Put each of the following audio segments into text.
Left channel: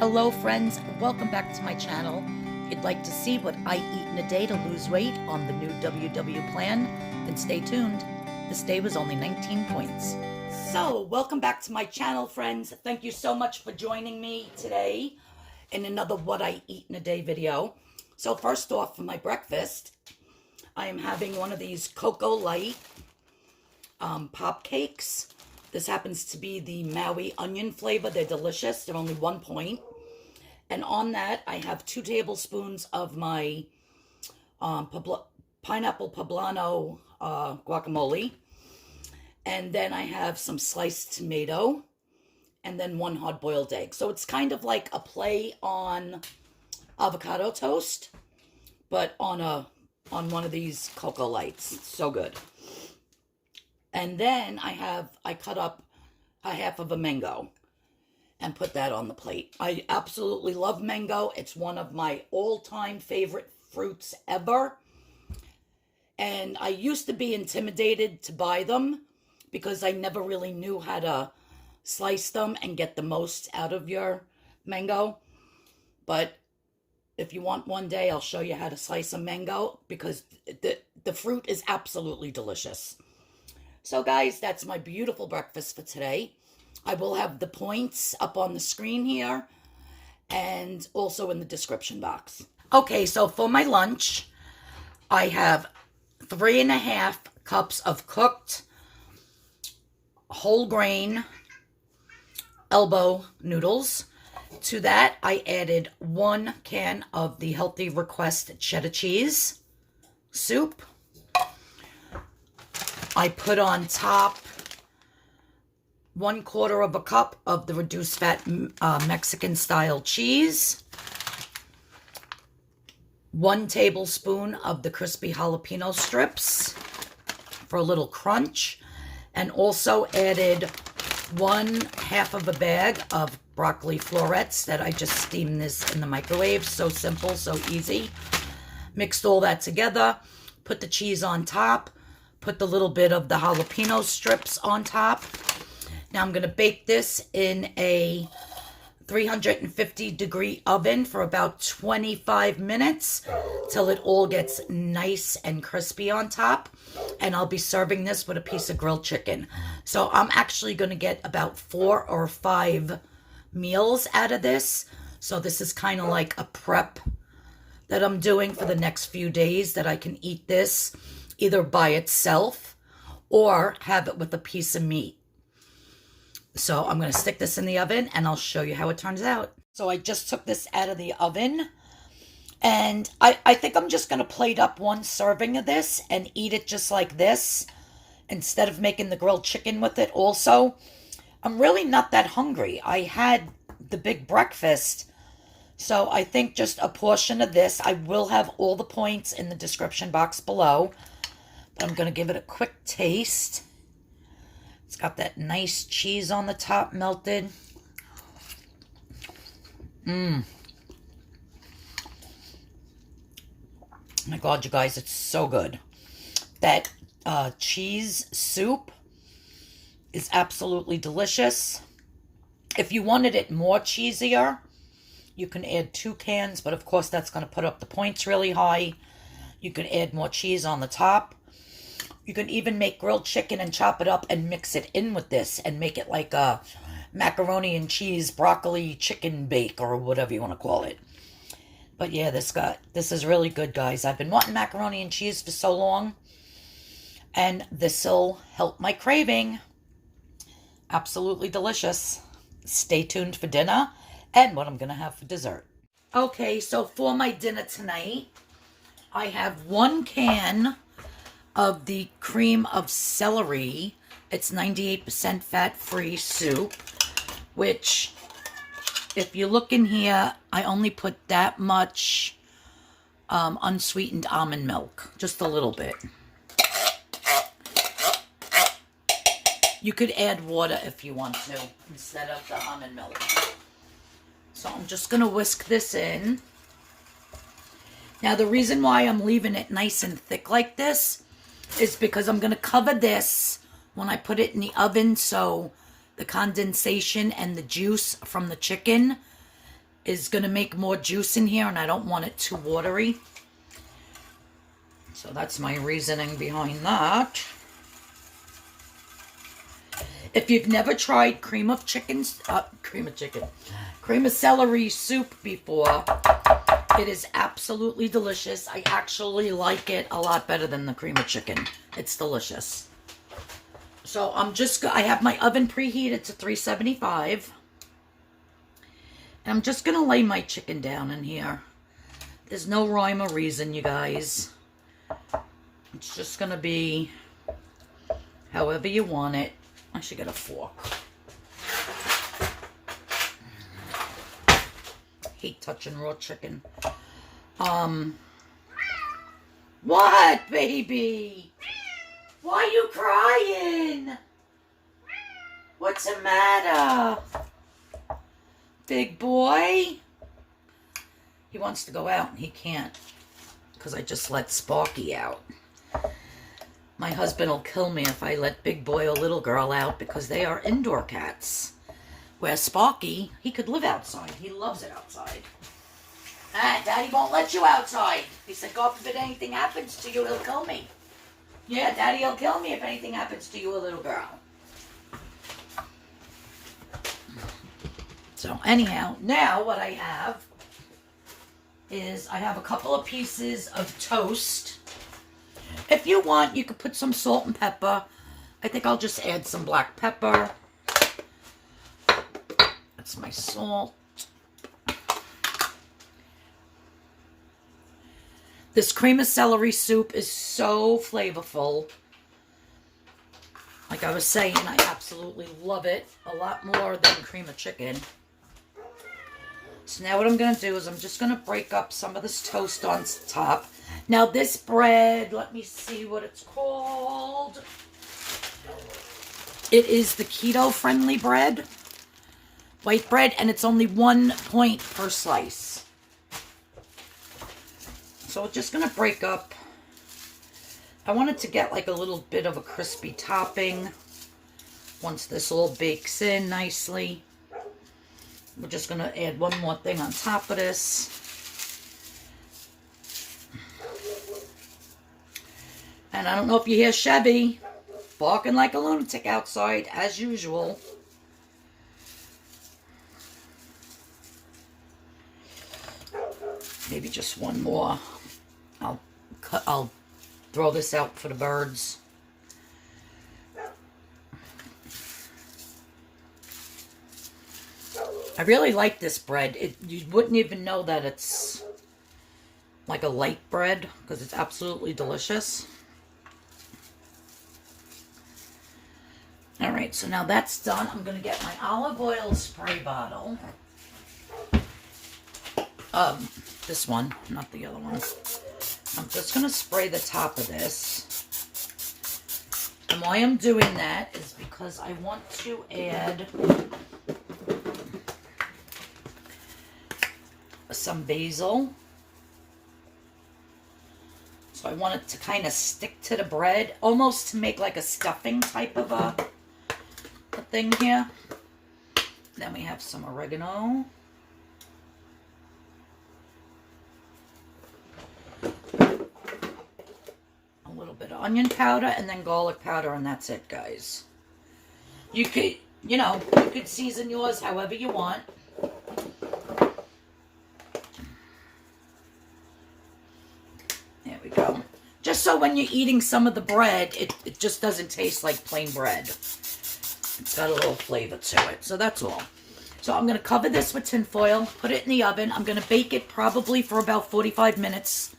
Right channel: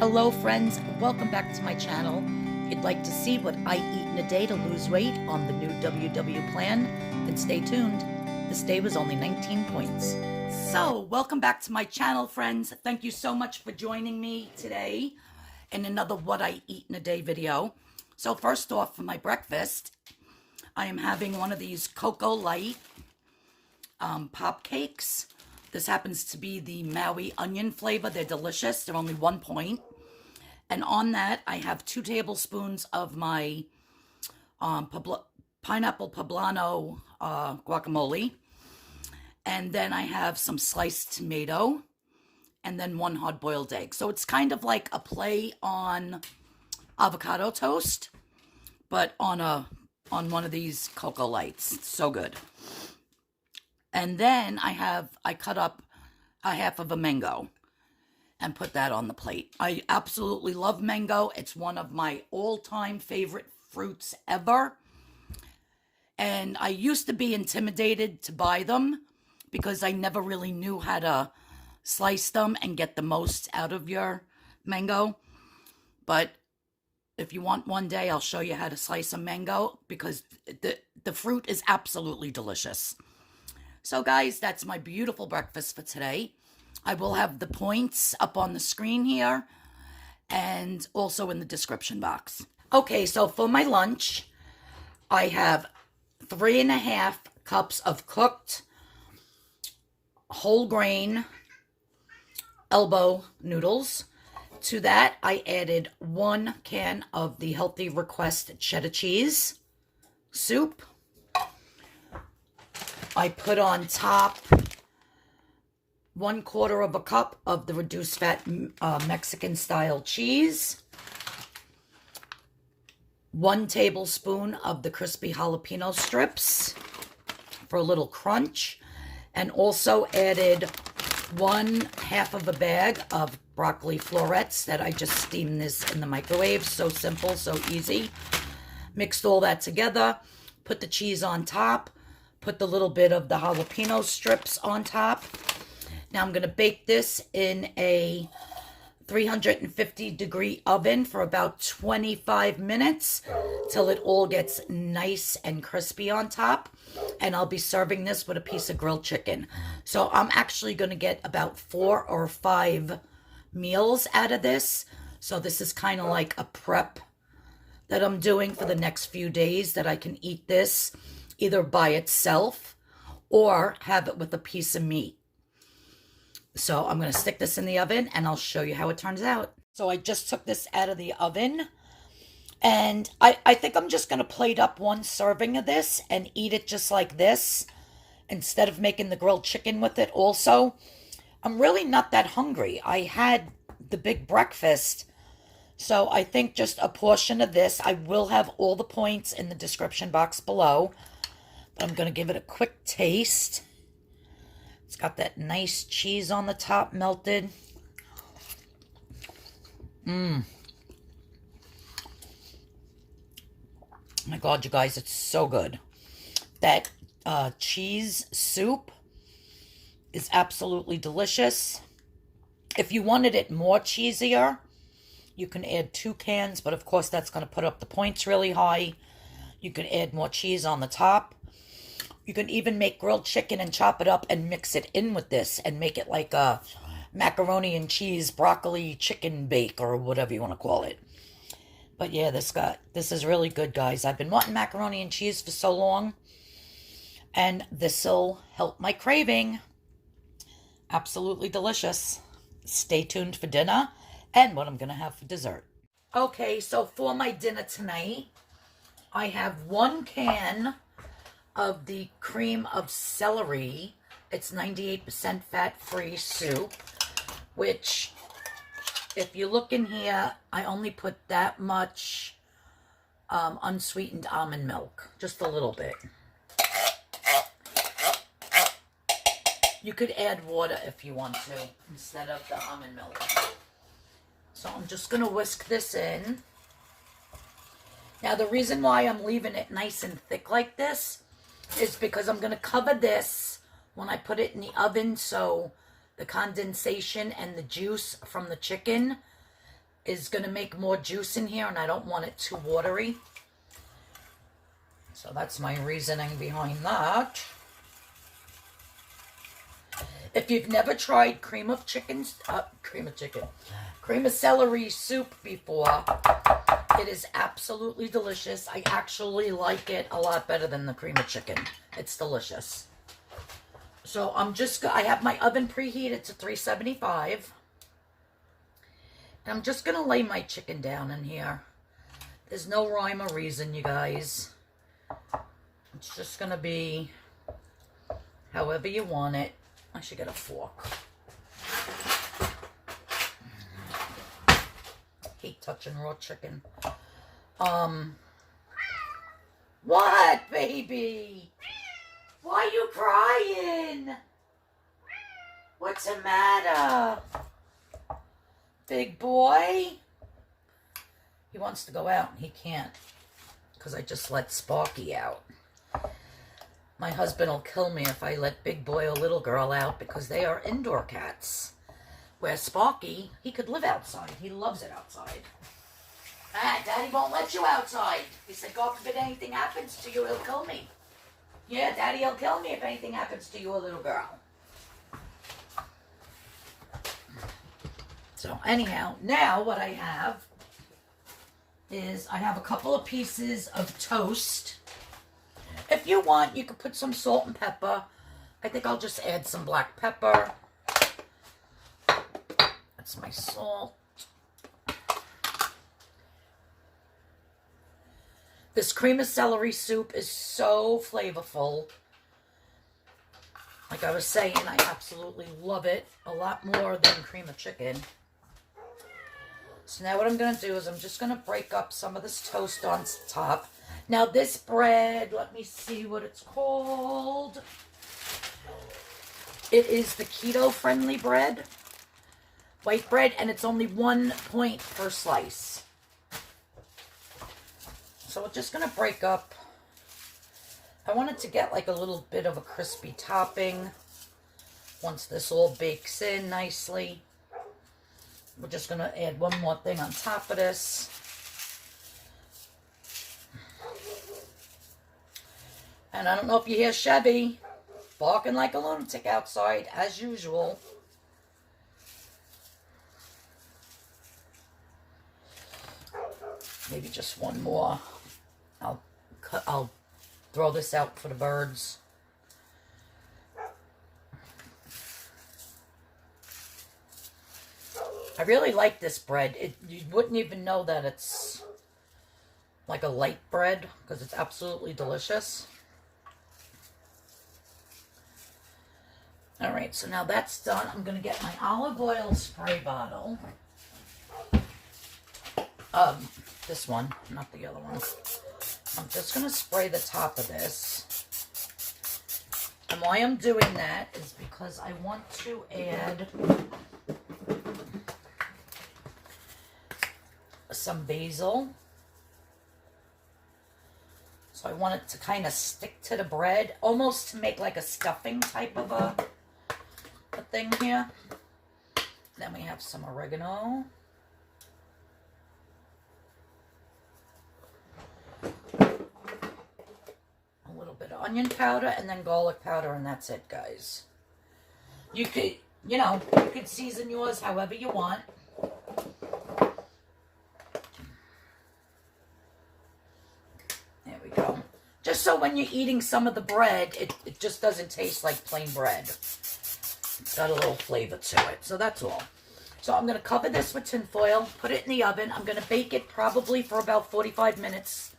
Hello friends, welcome back to my channel. If you'd like to see what I eat in a day to lose weight on the new WW plan, then stay tuned. This day was only 19 points. So, welcome back to my channel, friends. Thank you so much for joining me today in another What I Eat in a Day video. So first off, for my breakfast, I am having one of these Cocoa Light pop cakes. This happens to be the Maui onion flavor. They're delicious. They're only 1 point. And on that, I have 2 tablespoons of my pineapple poblano guacamole. And then I have some sliced tomato. And then 1 hard-boiled egg. So it's kind of like a play on avocado toast, but on one of these Cocoa Lights. It's so good. And then I cut up a half of a mango and put that on the plate. I absolutely love mango. It's one of my all-time favorite fruits ever. And I used to be intimidated to buy them because I never really knew how to slice them and get the most out of your mango. But if you want one day, I'll show you how to slice a mango because the fruit is absolutely delicious. So guys, that's my beautiful breakfast for today. I will have the points up on the screen here and also in the description box. Okay, so for my lunch, I have 3.5 cups of cooked whole grain elbow noodles. To that, I added 1 can of the Healthy Request cheddar cheese soup. I put on top 1/4 of a cup of the reduced fat Mexican style cheese, 1 tablespoon of the crispy jalapeno strips for a little crunch, and also added 1/2 of a bag of broccoli florets that I just steamed this in the microwave. So simple, so easy. Mixed all that together, put the cheese on top, put the little bit of the jalapeno strips on top. Now I'm going to bake this in a 350-degree oven for about 25 minutes till it all gets nice and crispy on top. And I'll be serving this with a piece of grilled chicken. So I'm actually going to get about 4 or 5 meals out of this. So this is kind of like a prep that I'm doing for the next few days, that I can eat this either by itself or have it with a piece of meat. So I'm going to stick this in the oven and I'll show you how it turns out. So I just took this out of the oven and I think I'm just going to plate up 1 serving of this and eat it just like this instead of making the grilled chicken with it also. I'm really not that hungry. I had the big breakfast, so I think just a portion of this. I will have all the points in the description box below, but I'm going to give it a quick taste. It's got that nice cheese on the top melted. My God, you guys, it's so good. That cheese soup is absolutely delicious. If you wanted it more cheesier, you can add 2 cans, but of course that's going to put up the points really high. You can add more cheese on the top. You can even make grilled chicken and chop it up and mix it in with this and make it like a macaroni and cheese broccoli chicken bake or whatever you want to call it. But yeah, this is really good, guys. I've been wanting macaroni and cheese for so long, and this'll help my craving. Absolutely delicious. Stay tuned for dinner and what I'm going to have for dessert. Okay, so for my dinner tonight, I have 1 can of the cream of celery. It's 98% fat-free soup, which, if you look in here, I only put that much unsweetened almond milk, just a little bit. You could add water if you want to instead of the almond milk. So I'm just going to whisk this in. Now the reason why I'm leaving it nice and thick like this is because I'm going to cover this when I put it in the oven, so the condensation and the juice from the chicken is going to make more juice in here, and I don't want it too watery. So that's my reasoning behind that. If you've never tried cream of celery soup before, it is absolutely delicious. I actually like it a lot better than the cream of chicken. It's delicious. So I have my oven preheated to 375. And I'm just going to lay my chicken down in here. There's no rhyme or reason, you guys. It's just going to be however you want it. I should get a fork. Hate touching raw chicken. What, baby? Why are you crying? What's the matter? Big boy? He wants to go out and he can't because I just let Sparky out. My husband will kill me if I let Big Boy or Little Girl out because they are indoor cats. Where Sparky, he could live outside. He loves it outside. Ah, Daddy won't let you outside. He said, God forbid anything happens to you, he'll kill me. Yeah, Daddy will kill me if anything happens to you, a little girl. So anyhow, now what I have is I have a couple of pieces of toast. If you want, you could put some salt and pepper. I think I'll just add some black pepper. That's my salt. This cream of celery soup is so flavorful. Like I was saying, I absolutely love it. A lot more than cream of chicken. So now what I'm going to do is I'm just going to break up some of this toast on top. Now this bread, let me see what it's called. It is the keto-friendly bread. White bread, and it's only 1 point per slice. So we're just going to break up. I want it to get like a little bit of a crispy topping. Once this all bakes in nicely. We're just going to add one more thing on top of this. And I don't know if you hear Chevy barking like a lunatic outside, as usual. Maybe just one more. I'll throw this out for the birds. I really like this bread. You wouldn't even know that it's like a light bread because it's absolutely delicious. All right, so now that's done. I'm going to get my olive oil spray bottle. This one, not the other one. I'm just going to spray the top of this. And why I'm doing that is because I want to add some basil. So I want it to kind of stick to the bread, almost to make like a stuffing type of a thing here. Then we have some oregano. A little bit of onion powder and then garlic powder, and that's it, guys. You could, you could season yours however you want. There we go. Just so when you're eating some of the bread, it just doesn't taste like plain bread. It's got a little flavor to it. So that's all. So I'm going to cover this with tin foil, put it in the oven. I'm going to bake it probably for about 45 minutes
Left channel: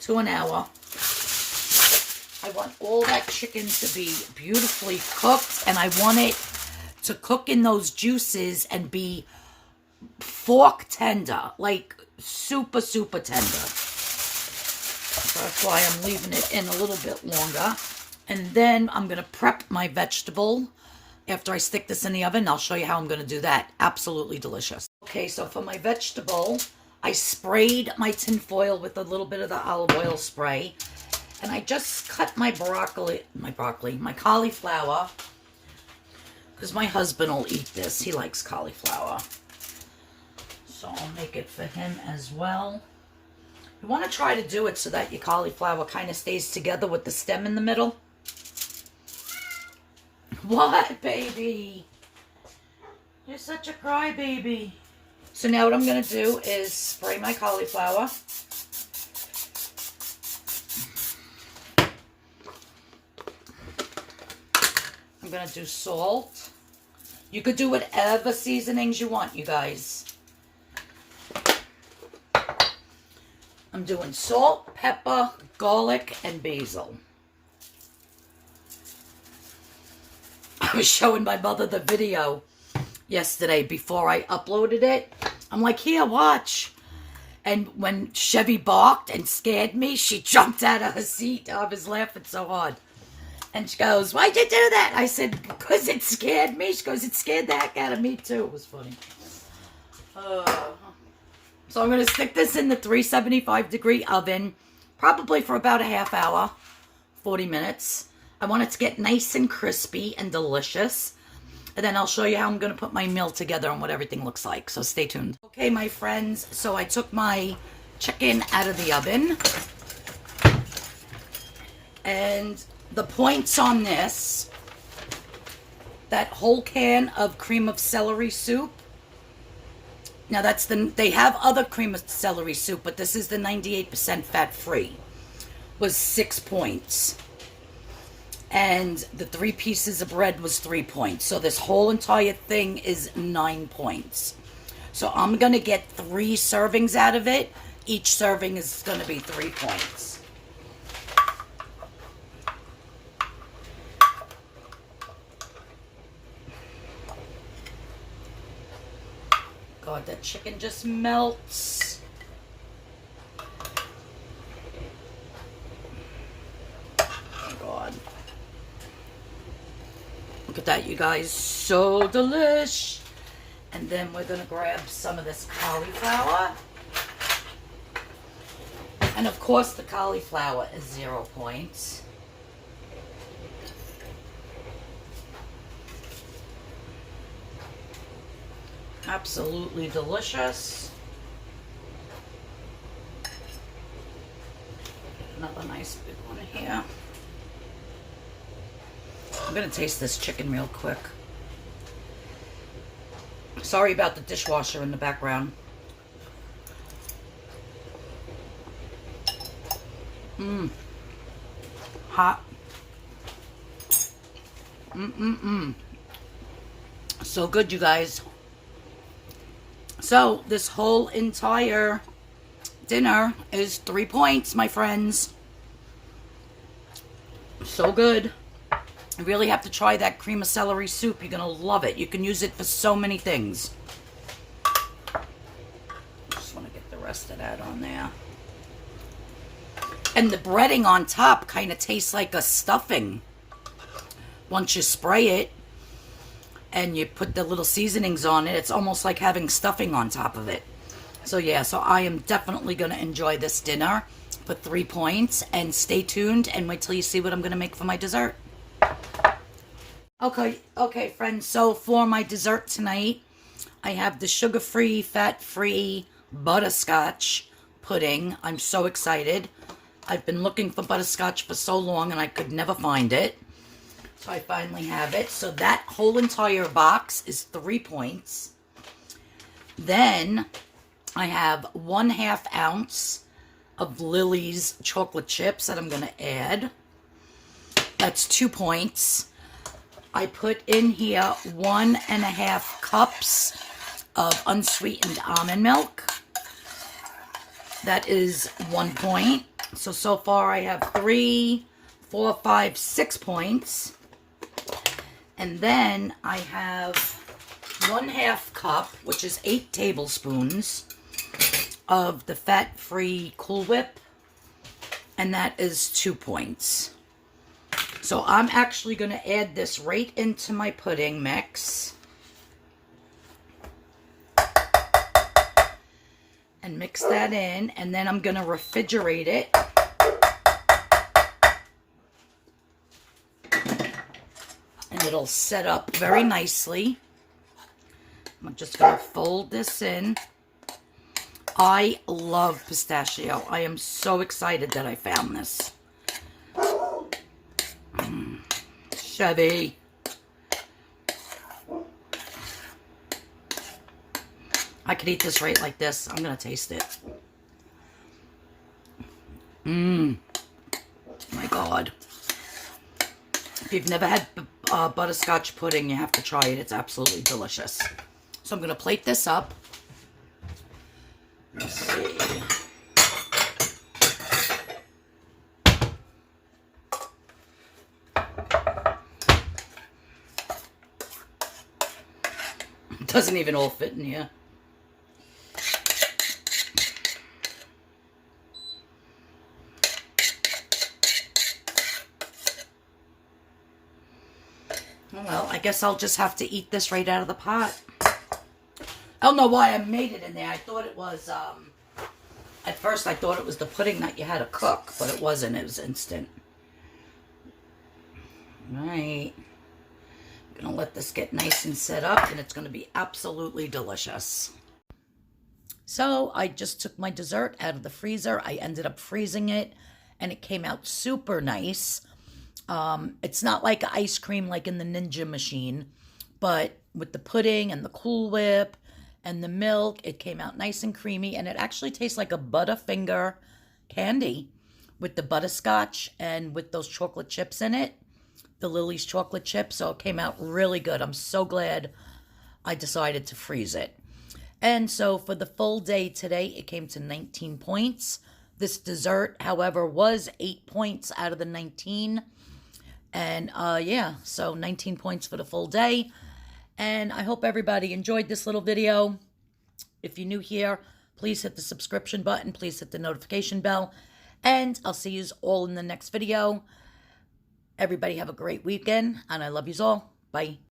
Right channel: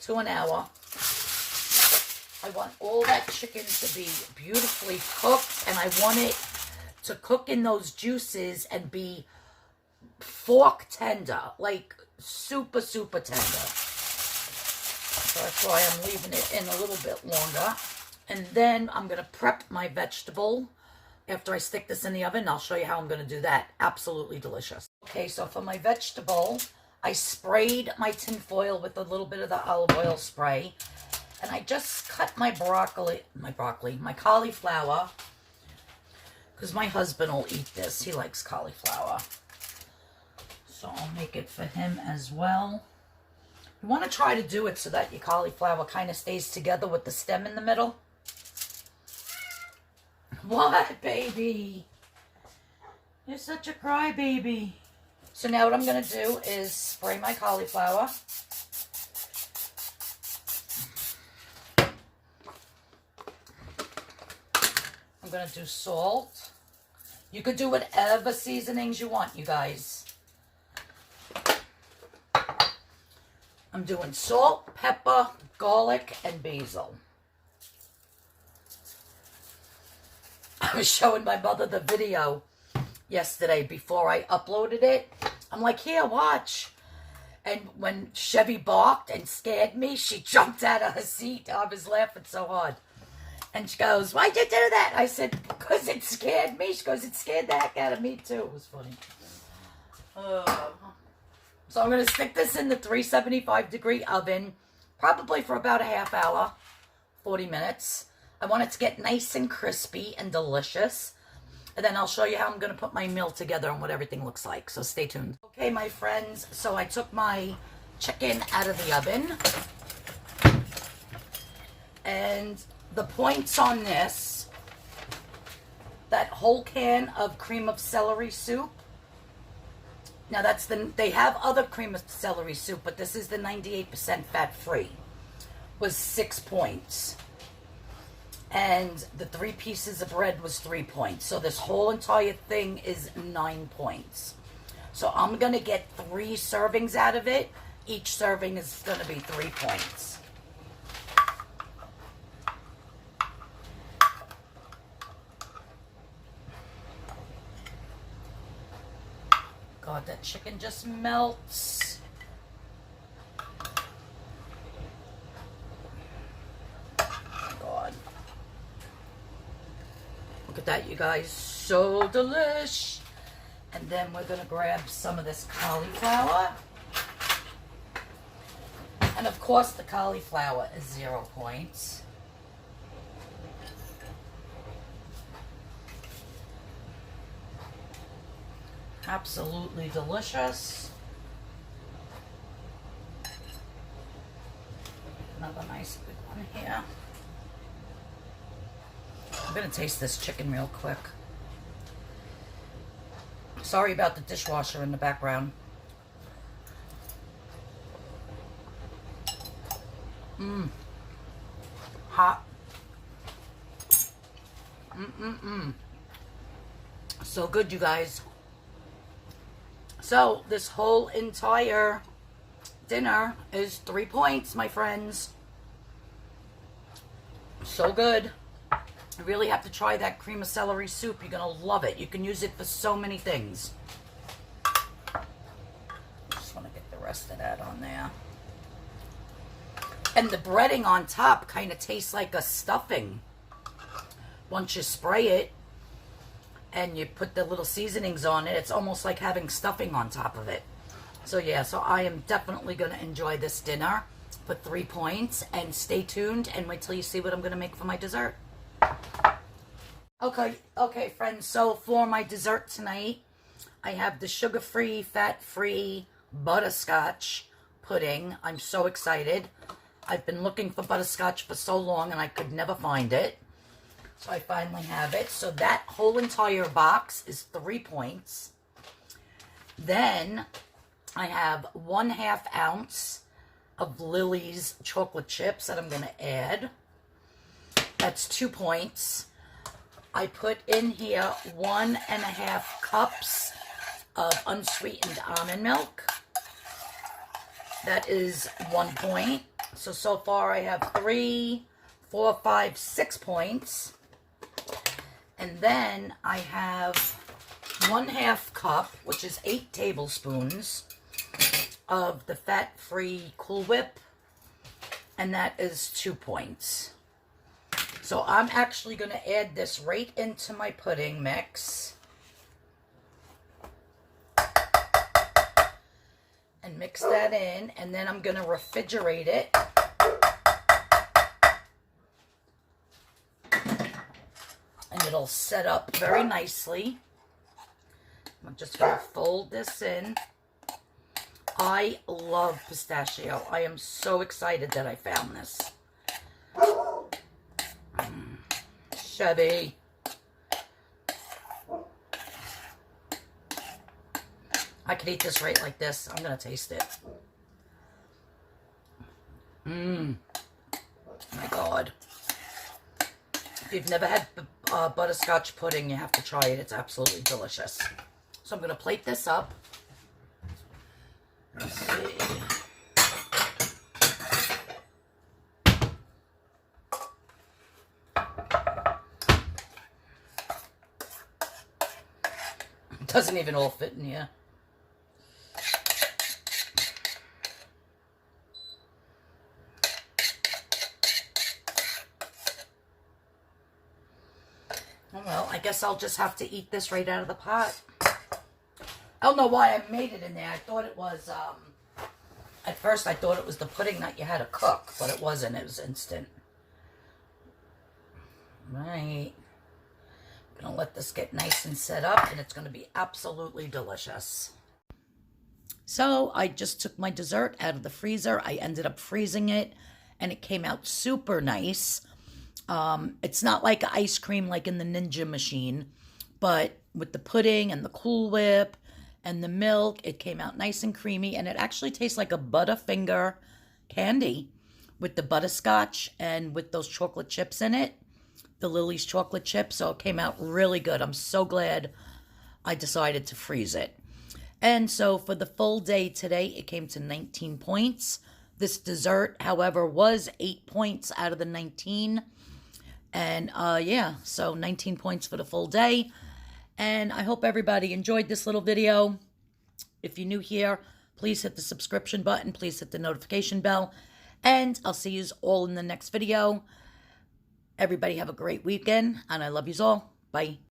to an hour. I want all that chicken to be beautifully cooked, and I want it to cook in those juices and be fork tender, like super, super tender. So that's why I'm leaving it in a little bit longer. And then I'm going to prep my vegetable. After I stick this in the oven, I'll show you how I'm going to do that. Absolutely delicious. Okay, so for my vegetable, I sprayed my tin foil with a little bit of the olive oil spray. And I just cut my cauliflower. Because my husband will eat this. He likes cauliflower. So I'll make it for him as well. You want to try to do it so that your cauliflower kind of stays together with the stem in the middle. What, baby? You're such a crybaby. So now what I'm going to do is spray my cauliflower. I'm going to do salt. You could do whatever seasonings you want, you guys. I'm doing salt, pepper, garlic, and basil. I was showing my mother the video yesterday before I uploaded it. I'm like, here, watch. And when Chevy barked and scared me, she jumped out of her seat. I was laughing so hard. And she goes, why'd you do that? I said, because it scared me. She goes, it scared the heck out of me too. It was funny. So I'm going to stick this in the 375-degree oven, probably for about a half hour, 40 minutes. I want it to get nice and crispy and delicious. And then I'll show you how I'm going to put my meal together and what everything looks like. So stay tuned. Okay, my friends. So I took my chicken out of the oven. And the points on this, that whole can of cream of celery soup. Now they have other cream of celery soup, but this is the 98% fat-free, was 6 points. And the 3 pieces of bread was 3 points. So this whole entire thing is 9 points. So I'm going to get 3 servings out of it. Each serving is going to be 3 points. God, that chicken just melts. Oh, God. Look at that, you guys. So delish. And then we're going to grab some of this cauliflower. And, of course, the cauliflower is 0 points. Absolutely delicious. Another nice big one here. I'm going to taste this chicken real quick. Sorry about the dishwasher in the background. Hot. So good, you guys. So this whole entire dinner is 3 points, my friends. So good. You really have to try that cream of celery soup. You're going to love it. You can use it for so many things. Just want to get the rest of that on there. And the breading on top kind of tastes like a stuffing. Once you spray it and you put the little seasonings on it, it's almost like having stuffing on top of it. So yeah, so I am definitely going to enjoy this dinner for 3 points. And stay tuned and wait till you see what I'm going to make for my dessert. Okay, friends. So for my dessert tonight, I have the sugar-free, fat-free butterscotch pudding. I'm so excited. I've been looking for butterscotch for so long and I could never find it. So I finally have it. So that whole entire box is 3 points. Then I have 1/2 ounce of Lily's chocolate chips that I'm going to add. That's 2 points. I put in here 1.5 cups of unsweetened almond milk. That is 1 point. So far I have 3, 4, 5, 6 points. And then I have 1/2 cup, which is 8 tablespoons, of the fat-free Cool Whip. And that is 2 points. So I'm actually going to add this right into my pudding mix. And mix that in. And then I'm going to refrigerate it. And it'll set up very nicely. I'm just going to fold this in. I love pistachio. I am so excited that I found this. Chevy. I could eat this right like this. I'm going to taste it. My God. If you've never had butterscotch pudding, you have to try it. It's absolutely delicious. So I'm going to plate this up. Let's see. It doesn't even all fit in here. Well, I guess I'll just have to eat this right out of the pot. I don't know why I made it in there. I thought it was, at first I thought it was the pudding that you had to cook, but it wasn't. It was instant. All right. I'm going to let this get nice and set up, and it's going to be absolutely delicious. So I just took my dessert out of the freezer. I ended up freezing it, and it came out super nice. It's not like ice cream like in the Ninja machine, but with the pudding and the Cool Whip and the milk, it came out nice and creamy, and it actually tastes like a Butterfinger candy with the butterscotch and with those chocolate chips in it, the Lily's chocolate chips. So it came out really good. I'm so glad I decided to freeze it. And so for the full day today, it came to 19 points. This dessert, however, was 8 points out of the 19. And yeah, so 19 points for the full day. And I hope everybody enjoyed this little video. If you're new here, please hit the subscription button. Please hit the notification bell. And I'll see you all in the next video. Everybody have a great weekend. And I love you all. Bye.